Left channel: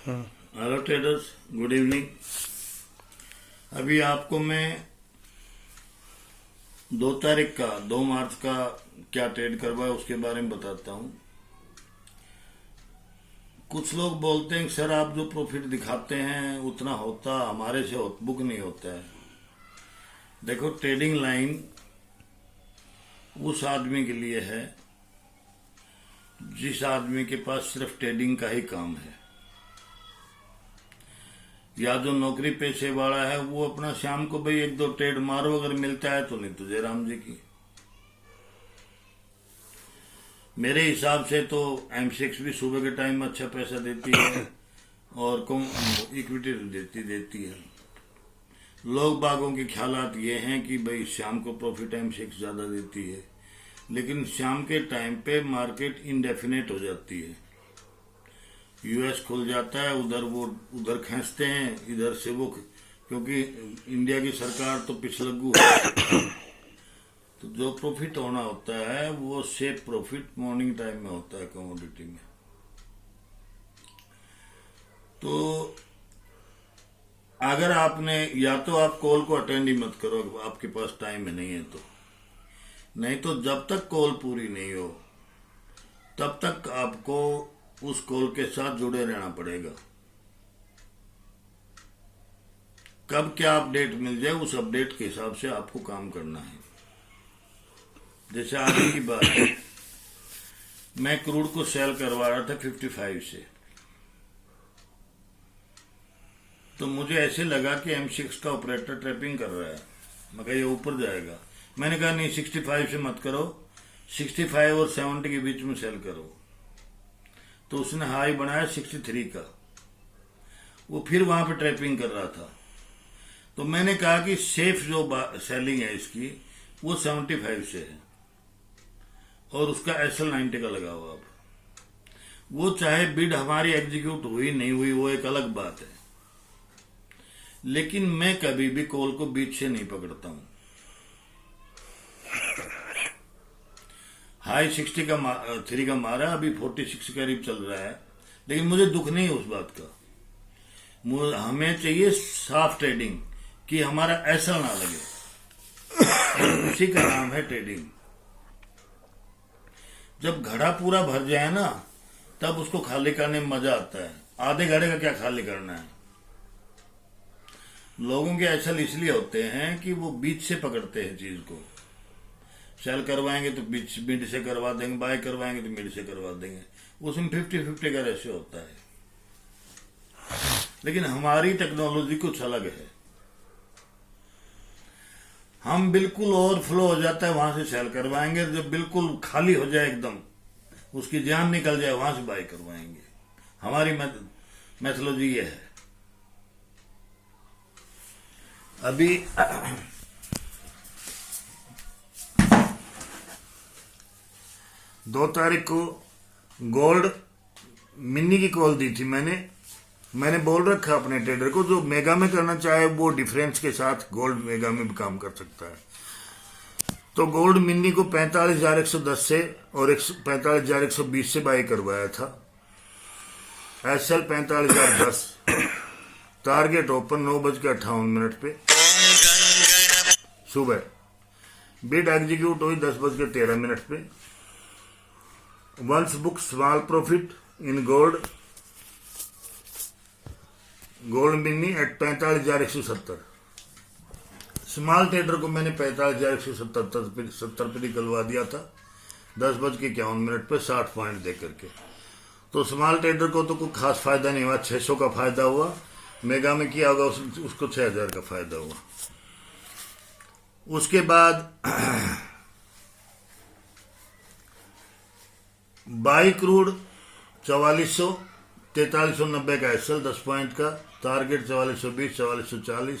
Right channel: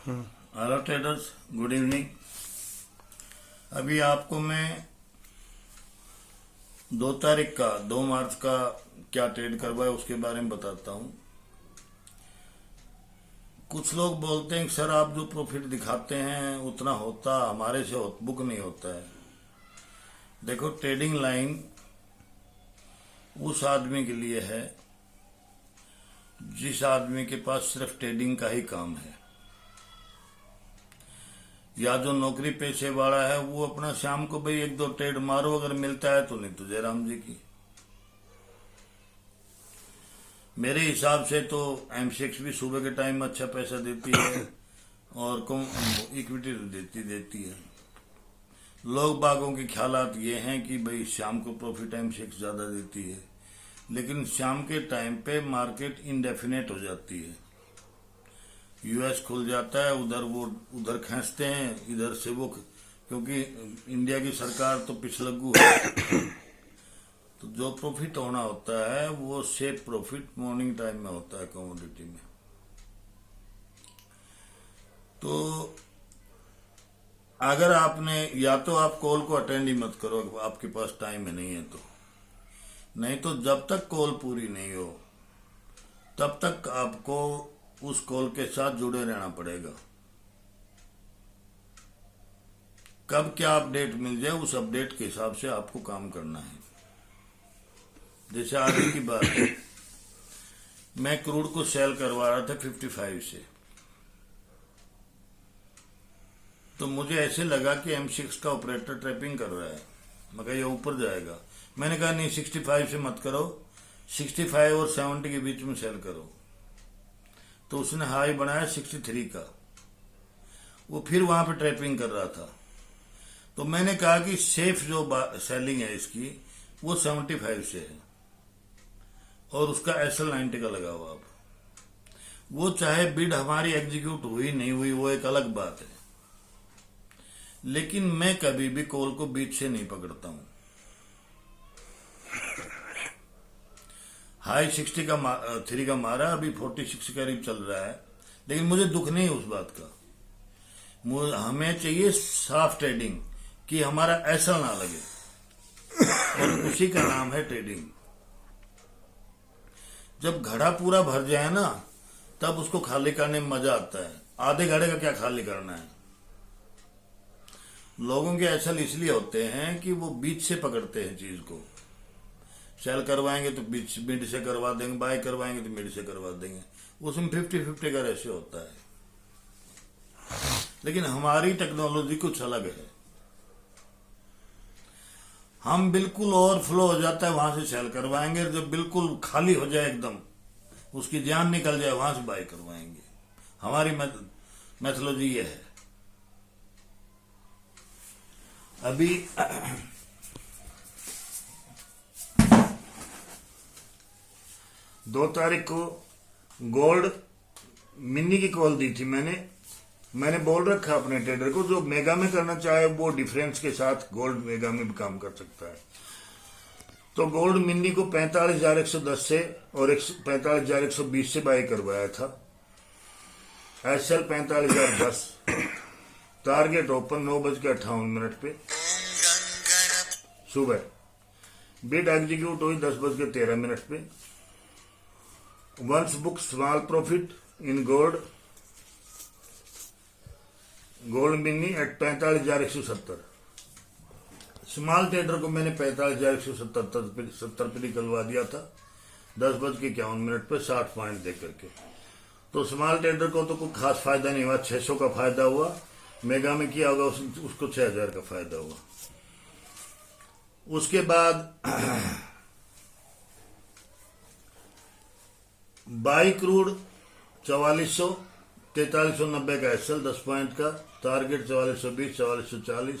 Hello traders, good evening. अभी आपको मैं 2 मार्च का क्या ट्रेड करवाया उसके बारे में बताता हूं। कुछ लोग बोलते हैं कि सर आप जो प्रॉफिट दिखाते हैं उतना होता हमारे से बुक नहीं होता है। देखो, ट्रेडिंग लाइन उस आदमी के लिए है जिस आदमी के पास सिर्फ ट्रेडिंग का ही काम है, या जो नौकरी पेशे वाला है वो अपना शाम को भाई 1-2 ट्रेड मारो, अगर मिलता है तो, नहीं तो जय राम जी की। मेरे हिसाब से तो M6 भी सुबह के टाइम में अच्छा पैसा देती है और इक्विटी देती है। लोग बागों के ख्यालात ये हैं कि भाई शाम को प्रॉफिट M6 ज्यादा देती है, लेकिन शाम के टाइम पे मार्केट इंडेफिनेट हो जाती है। यूएस खुल जाता है, उधर खींचते हैं, इधर से वो, क्योंकि इंडिया की सरकार तो पिछलग्गू है। तो जो प्रॉफिट होना होता है वो सेट प्रॉफिट मॉर्निंग टाइम में होता है कमोडिटी में। तो अगर आपने, या तो आप कॉल को अटेंड ही मत करो, आपके पास टाइम है नहीं है तो, नहीं तो जब तक कॉल पूरी नहीं हो तब तक आपको उस कॉल के साथ जुड़े रहना पड़ेगा। कब क्या अपडेट मिल जाए उस अपडेट के हिसाब से आपको काम करना है। जैसे आगे की बात है, मैं क्रूड को सेल करवा रहा था 55 से, तो मुझे ऐसे लगा कि M6 का ऑपरेटर ट्रैपिंग कर रहा है, मगर ये ऊपर जाएगा। मैंने कहा नहीं, 65 से मत करो, 65 और 70 के बीच में सेल करो। तो उसने हाई बनाया 63 का, वो फिर वहां पे ट्रैपिंग कर रहा था। तो मैंने कहा कि सेफ जो सेलिंग है इसकी वो 75 से है और उसका SL 90 का लगा हुआ। अब वो चाहे बिड हमारी एग्जीक्यूट हुई नहीं हुई वो एक अलग बात है, लेकिन मैं कभी भी कॉल को बीच से नहीं पकड़ता हूं। हाई 60 का 3 का मारा, अभी 46 के करीब चल रहा है, लेकिन मुझे दुख नहीं उस बात का। हमें चाहिए साफ ट्रेडिंग कि हमारा SL ना लगे, और उसी का नाम है ट्रेडिंग। जब घड़ा पूरा भर जाए ना तब उसको खाली करने में मजा आता है। आधे घड़े का क्या खाली करना है। लोगों के SL इसलिए होते हैं कि वो बीच से पकड़ते हैं चीज को। सेल करवाएंगे तो मिड से करवा देंगे, बाय करवाएंगे तो मिड से करवा देंगे, उसमें 50-50 का रेशियो होता है। लेकिन हमारी टेक्नोलॉजी कुछ अलग है। हम बिल्कुल ओवरफ्लो हो जाता है वहां से सेल करवाएंगे, जब बिल्कुल खाली हो जाए एकदम, उसकी जान निकल जाए, वहां से बाय करवाएंगे। हमारी मैथोलॉजी ये है। अभी 2 तारीख को गोल्ड मिनी की कॉल दी थी मैंने बोल रखा अपने ट्रेडर को, जो मेगा में करना चाहे वो डिफरेंस के साथ गोल्ड मेगा में भी काम कर सकता है। तो गोल्ड मिनी को 45,110 से और 45,120 से बाय करवाया था। SL 45,010, टारगेट ओपन 9:58 पे सुबह, बिड एग्जीक्यूट हुई 10:13 पे। Once book small profit in gold mini at 45,170। Small trader को मैंने 45,170 पे निकलवा दिया था 10:51 पे 60 पॉइंट दे करके। तो स्मॉल ट्रेडर को तो कोई खास फायदा नहीं हुआ, 600 का फायदा हुआ। मेगा में किया होगा उसको 6,000 का फायदा हुआ। उसके बाद बाई क्रूड 4400, 4390 का SL 10 पॉइंट का, टारगेट 4420, 4440,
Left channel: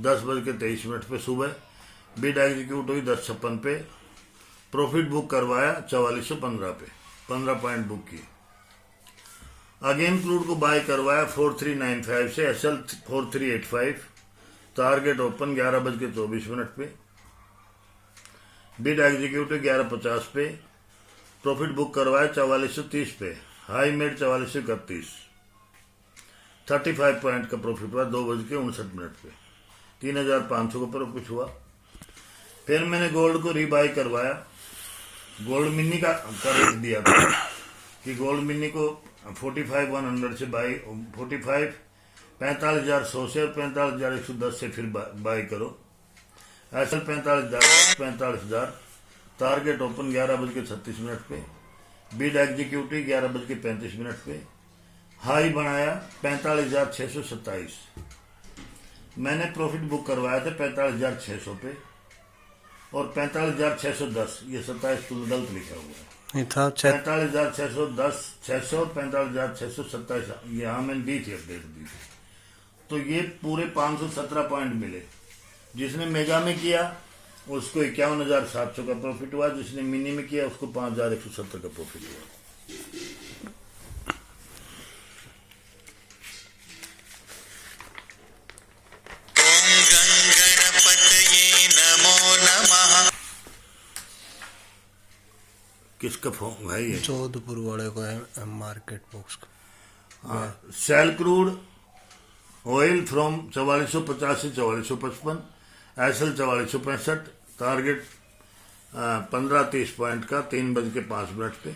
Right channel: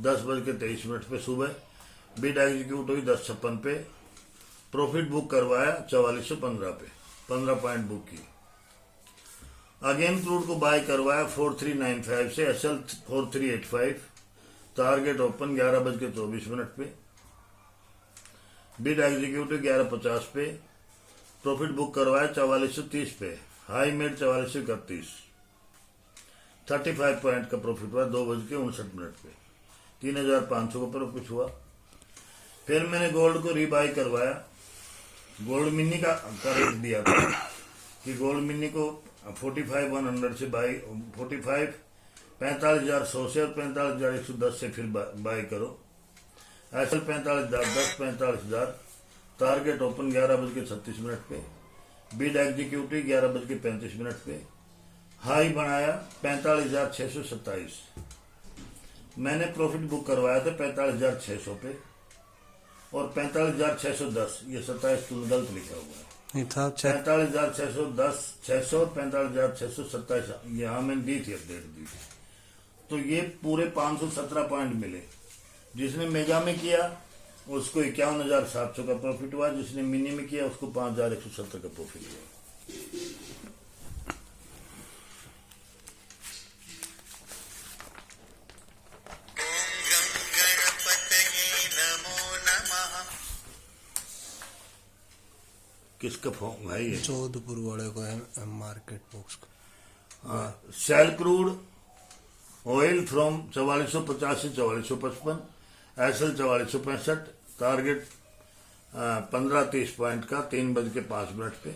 10:23 पे सुबह, बिड एग्जीक्यूट हुई 10:56 पे। प्रॉफिट बुक करवाया 4415 पे, 15 पॉइंट बुक की। अगेन क्रूड को बाय करवाया 4395 से, SL 4385, टारगेट ओपन 11:24 पे, बिड एग्जीक्यूट 11:50 पे, प्रॉफिट बुक करवाया 4430 पे, हाई मेड 4431। 35 पॉइंट का प्रॉफिट हुआ 2:59 पे, 3,500 का प्रॉफिट हुआ। फिर मैंने गोल्ड को रीबाई करवाया, गोल्ड मिनी का रेट दिया था कि गोल्ड मिनी को 45,100 से बाई 45,100 से और 45,110 से फिर बाई करो। ऐसा 45,010, 45,000 टारगेट ओपन 11:36 पे, बिड एग्जीक्यूटिव 11:35 पे, हाई बनाया 45,627। मैंने प्रॉफिट बुक करवाया था 45,600 पे और 45,610, ये 27 तो गलत लिखा हुआ है, नहीं था 45,610, 600 और 45,627, यहाँ मैंने दी थी अपडेट दी। तो ये पूरे 517 पॉइंट मिले। जिसने मेगा में किया उसको 51,700 का प्रॉफिट हुआ, जिसने मिनी में किया उसको 5,170 का प्रॉफिट हुआ। किसका फोन है ये? जोधपुर वाले को है, मार्केट बॉक्स का। सेल क्रूड ऑयल फ्रॉम 4450 से 4455, एसएल 4465, टारगेट 15-30 पॉइंट का 3:05 पे,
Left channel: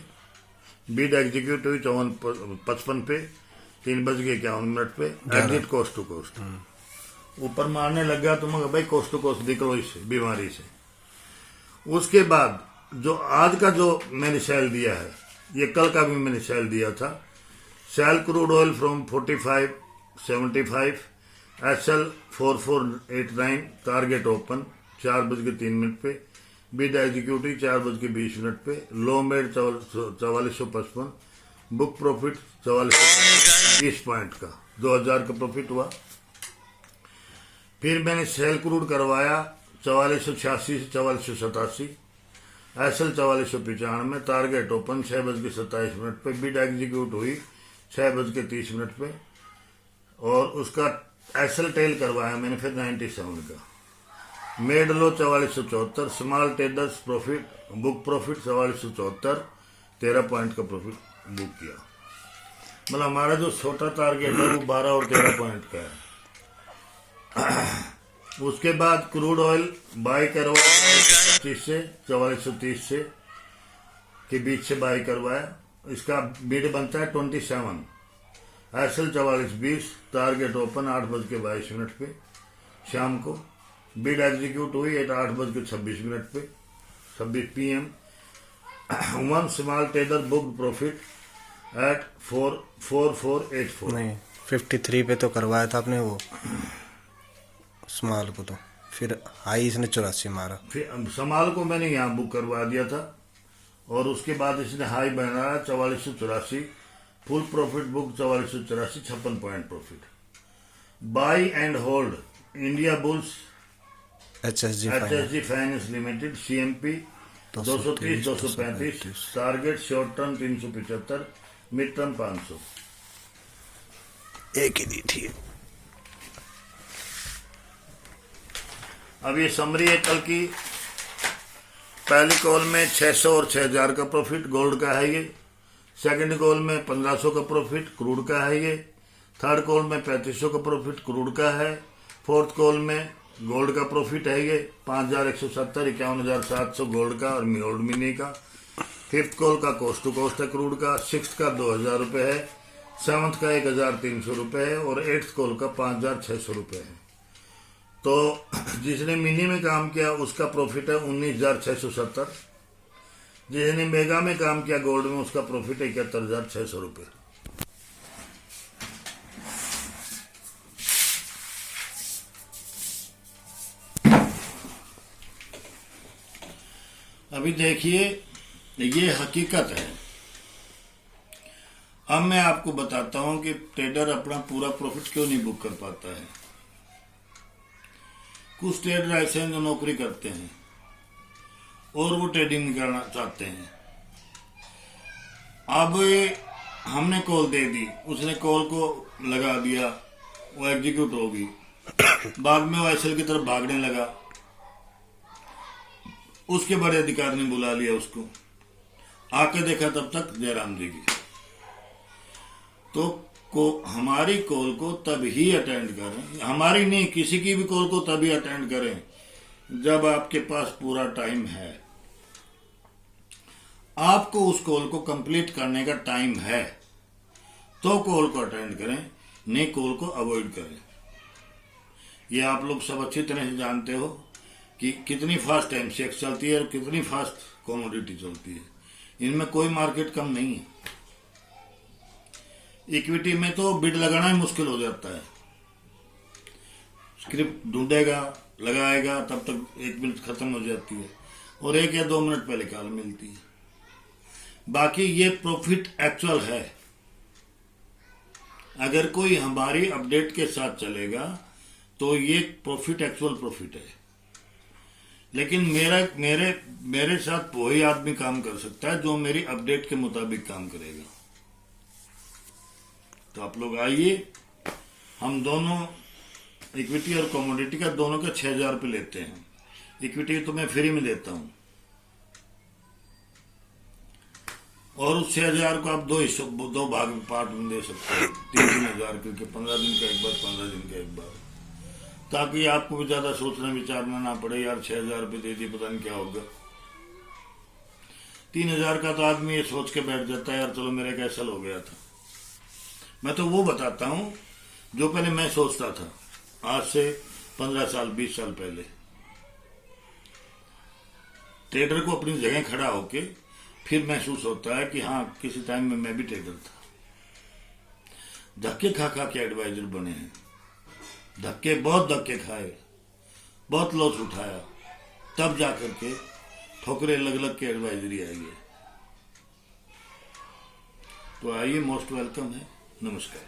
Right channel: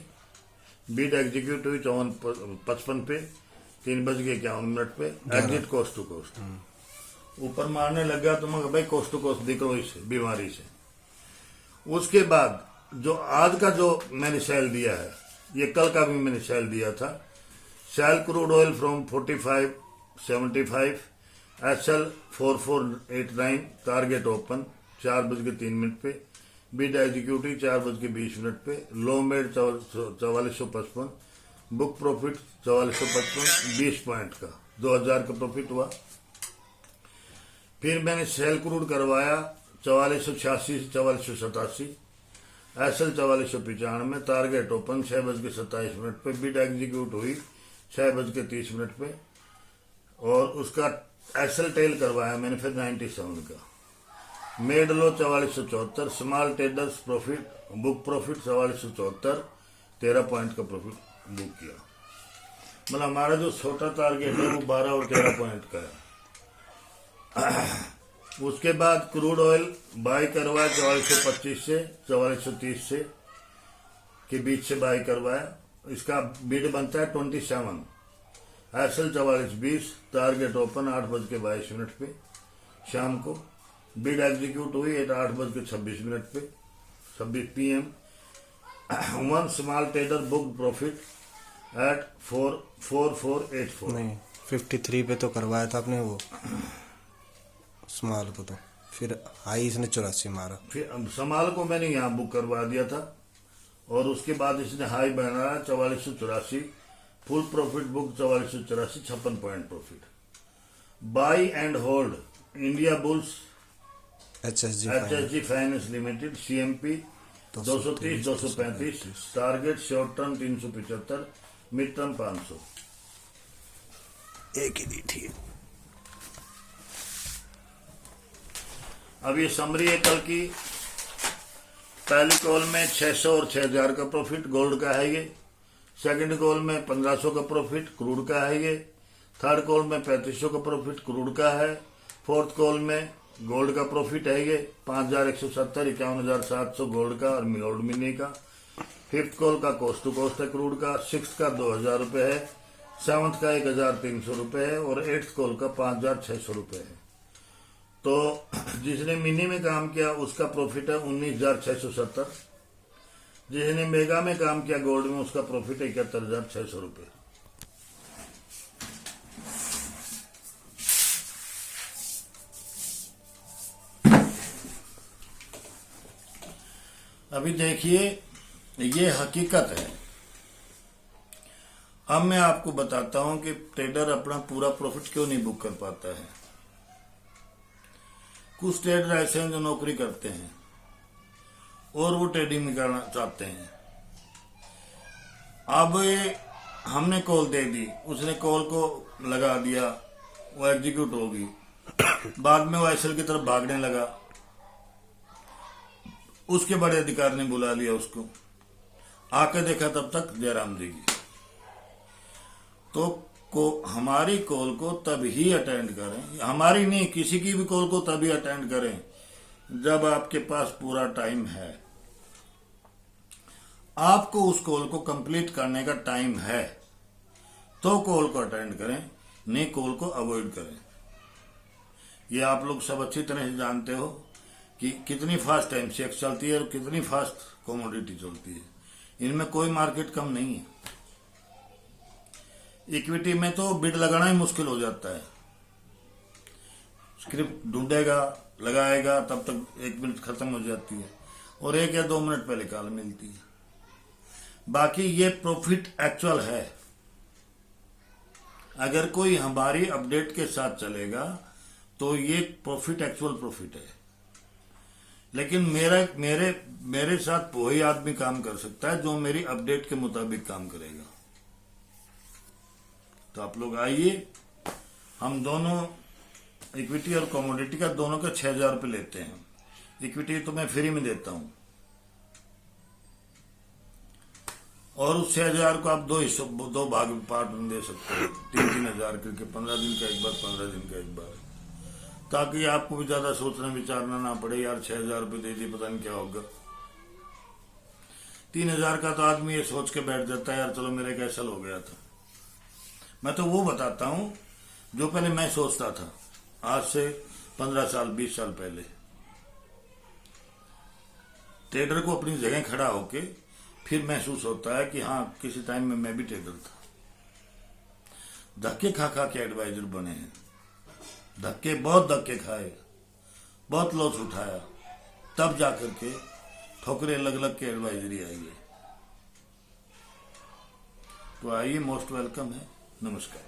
बीड एग्जीक्यूटिव 5455 पे 3:51 पे, एग्जिट कोस्ट टू कोस्ट। ऊपर मारने लग गया तो मगर भाई कोस्ट टू कोस्ट दिखो इससे बीमारी से। उसके बाद जो आज का जो मैंने सेल दिया है, ये कल का भी मैंने सेल दिया था। Sell crude oil from 4575, SL 4489, target open 4:03 पे, बिड एग्जीक्यूटिव 4:20 पे, low made 4455, book profit 4455, 20 point का 2,000 का प्रॉफिट हुआ। फिर मैंने सेल क्रूड करवाया 4486 से 4487, एसएल 4495, टारगेट ओपन 6:27 पे, बिड एग्जीक्यूट हुई 6:30 पे, और उसका एसएल टेल करवाया मैंने फिर 97 का। मेड लो 4474, small traders profit book profit 4474, 13 point का प्रॉफिट बुक किया। मतलब हमारा जो छोटा टारगेट है वो 12 और 13 पॉइंट का है। उसके बाद क्रूड ऑयल बाई करवाया 4425 से 4430 से के बीच से बाई करवाया। इसका बिड बनता है 27, एसएल 4420, टारगेट ओपन 8:22 पे शाम को, बिड एग्जीक्यूट हुई 8:26 पे 26 PM। 1 small trader book profit at 4484। नहीं 53 पे तो करवाया था आपने वो स्मॉल को, तो फिर हाई इसने 84 मारा। फिर स्मॉल को मैंने यहाँ बुक करवा दिया था और उसके बाद इसने हाई बनाया 4484, full profit book 4484, 56 point profit. By and hold India bulls HSG finance limited CMP 230-235, target short term 375, mid term 500। एक ही दी थी। अब ये समरी है कल की। पहली कॉल में 600 और 6,000 का प्रॉफिट गोल्ड का है ये। सेकंड कॉल में 1,500 का प्रॉफिट क्रूड का है ये। थर्ड कॉल में 3,500 का प्रॉफिट क्रूड का है। फोर्थ कॉल में गोल्ड का प्रॉफिट है ये 5,170, 51,700 गोल्ड का और गोल्ड मिनी का। फिफ्थ कॉल का कोस्ट टू कोस्ट है क्रूड का। सिक्स का 2,000 रुपये है। सेवंथ का 1,300 रुपये है और एट्थ कॉल का 5,600 रुपये है। तो जिसने मिनी में काम किया उसका प्रॉफिट है 19,670। जिसने मेगा में काम किया गोल्ड में उसका प्रॉफिट है 71,600 रुपये। अभी देखिए ये हकीकत है। अब मैं आपको बताता हूं कि ट्रेडर अपना पूरा प्रॉफिट क्यों नहीं बुक कर पाता है। कुछ ट्रेडर ऐसे हैं जो नौकरी करते हैं और वो ट्रेडिंग निकालना चाहते हैं। अब हमने कॉल दे दी, उसने कॉल को लगा दिया, वो एग्जीक्यूट होगी। बाद में वो एसएल की तरफ भागने लगा, उसके बड़े अधिकारी ने बुला लिया उसको, आके देखा तब तक जयराम जी की। तो को हमारी कॉल को तभी अटेंड करें, हमारी नहीं किसी की भी कॉल को तभी अटेंड करें जब आपके पास पूरा टाइम है। आपको उस कॉल को कंप्लीट करने का टाइम है तो कॉल को अटेंड करें, नहीं कॉल को अवॉइड करें। ये आप लोग सब अच्छी तरह से जानते हो कि कितनी फास्ट एमसीएक्स चलती है और कितनी फास्ट कमोडिटी चलती है। इनमें कोई मार्केट कम नहीं है। इक्विटी में तो बिड लगाना ही मुश्किल हो जाता है। स्क्रिप्ट ढूंढेगा, लगाएगा, तब तक 1 मिनट खत्म हो जाती है और 1 या 2 मिनट पहले कॉल मिलती है। बाकी ये प्रॉफिट एक्चुअल है। अगर कोई हमारी अपडेट के साथ चलेगा तो ये प्रॉफिट एक्चुअल प्रॉफिट है। लेकिन मेरे साथ वही आदमी काम कर सकता है जो मेरी अपडेट के मुताबिक काम करेगा। तो आप लोग आइए, हम दोनों इक्विटी और कमोडिटी का दोनों का 6,000 रुपये लेते हैं। इक्विटी तो मैं फ्री में देता हूं और उस 6,000 को आप दो भाग में पार्ट में दे सकते हो, 3-3 हजार करके, 15 दिन का एक बार, 15 दिन का एक बार, ताकि आपको भी ज्यादा सोचना विचारना ना पड़े। यार 6,000 रुपये दे दिए, पता नहीं क्या होगा। 3,000 का तो आदमी ये सोच के बैठ जाता है, यार चलो मेरे कैसल हो गया था। मैं तो वो बताता हूं जो पहले मैं सोचता था, आज से 15 साल 20 साल पहले। ट्रेडर को अपनी जगह खड़ा होके फिर महसूस होता है कि हाँ, किसी टाइम में मैं भी ट्रेडर था। धक्के खा खा के एडवाइजर बने हैं, बहुत धक्के खाए, बहुत लॉस उठाया, तब जाकर के ठोकरे लग लग के एडवाइजरी आई है। तो आइए, मोस्ट वेलकम है। नमस्कार।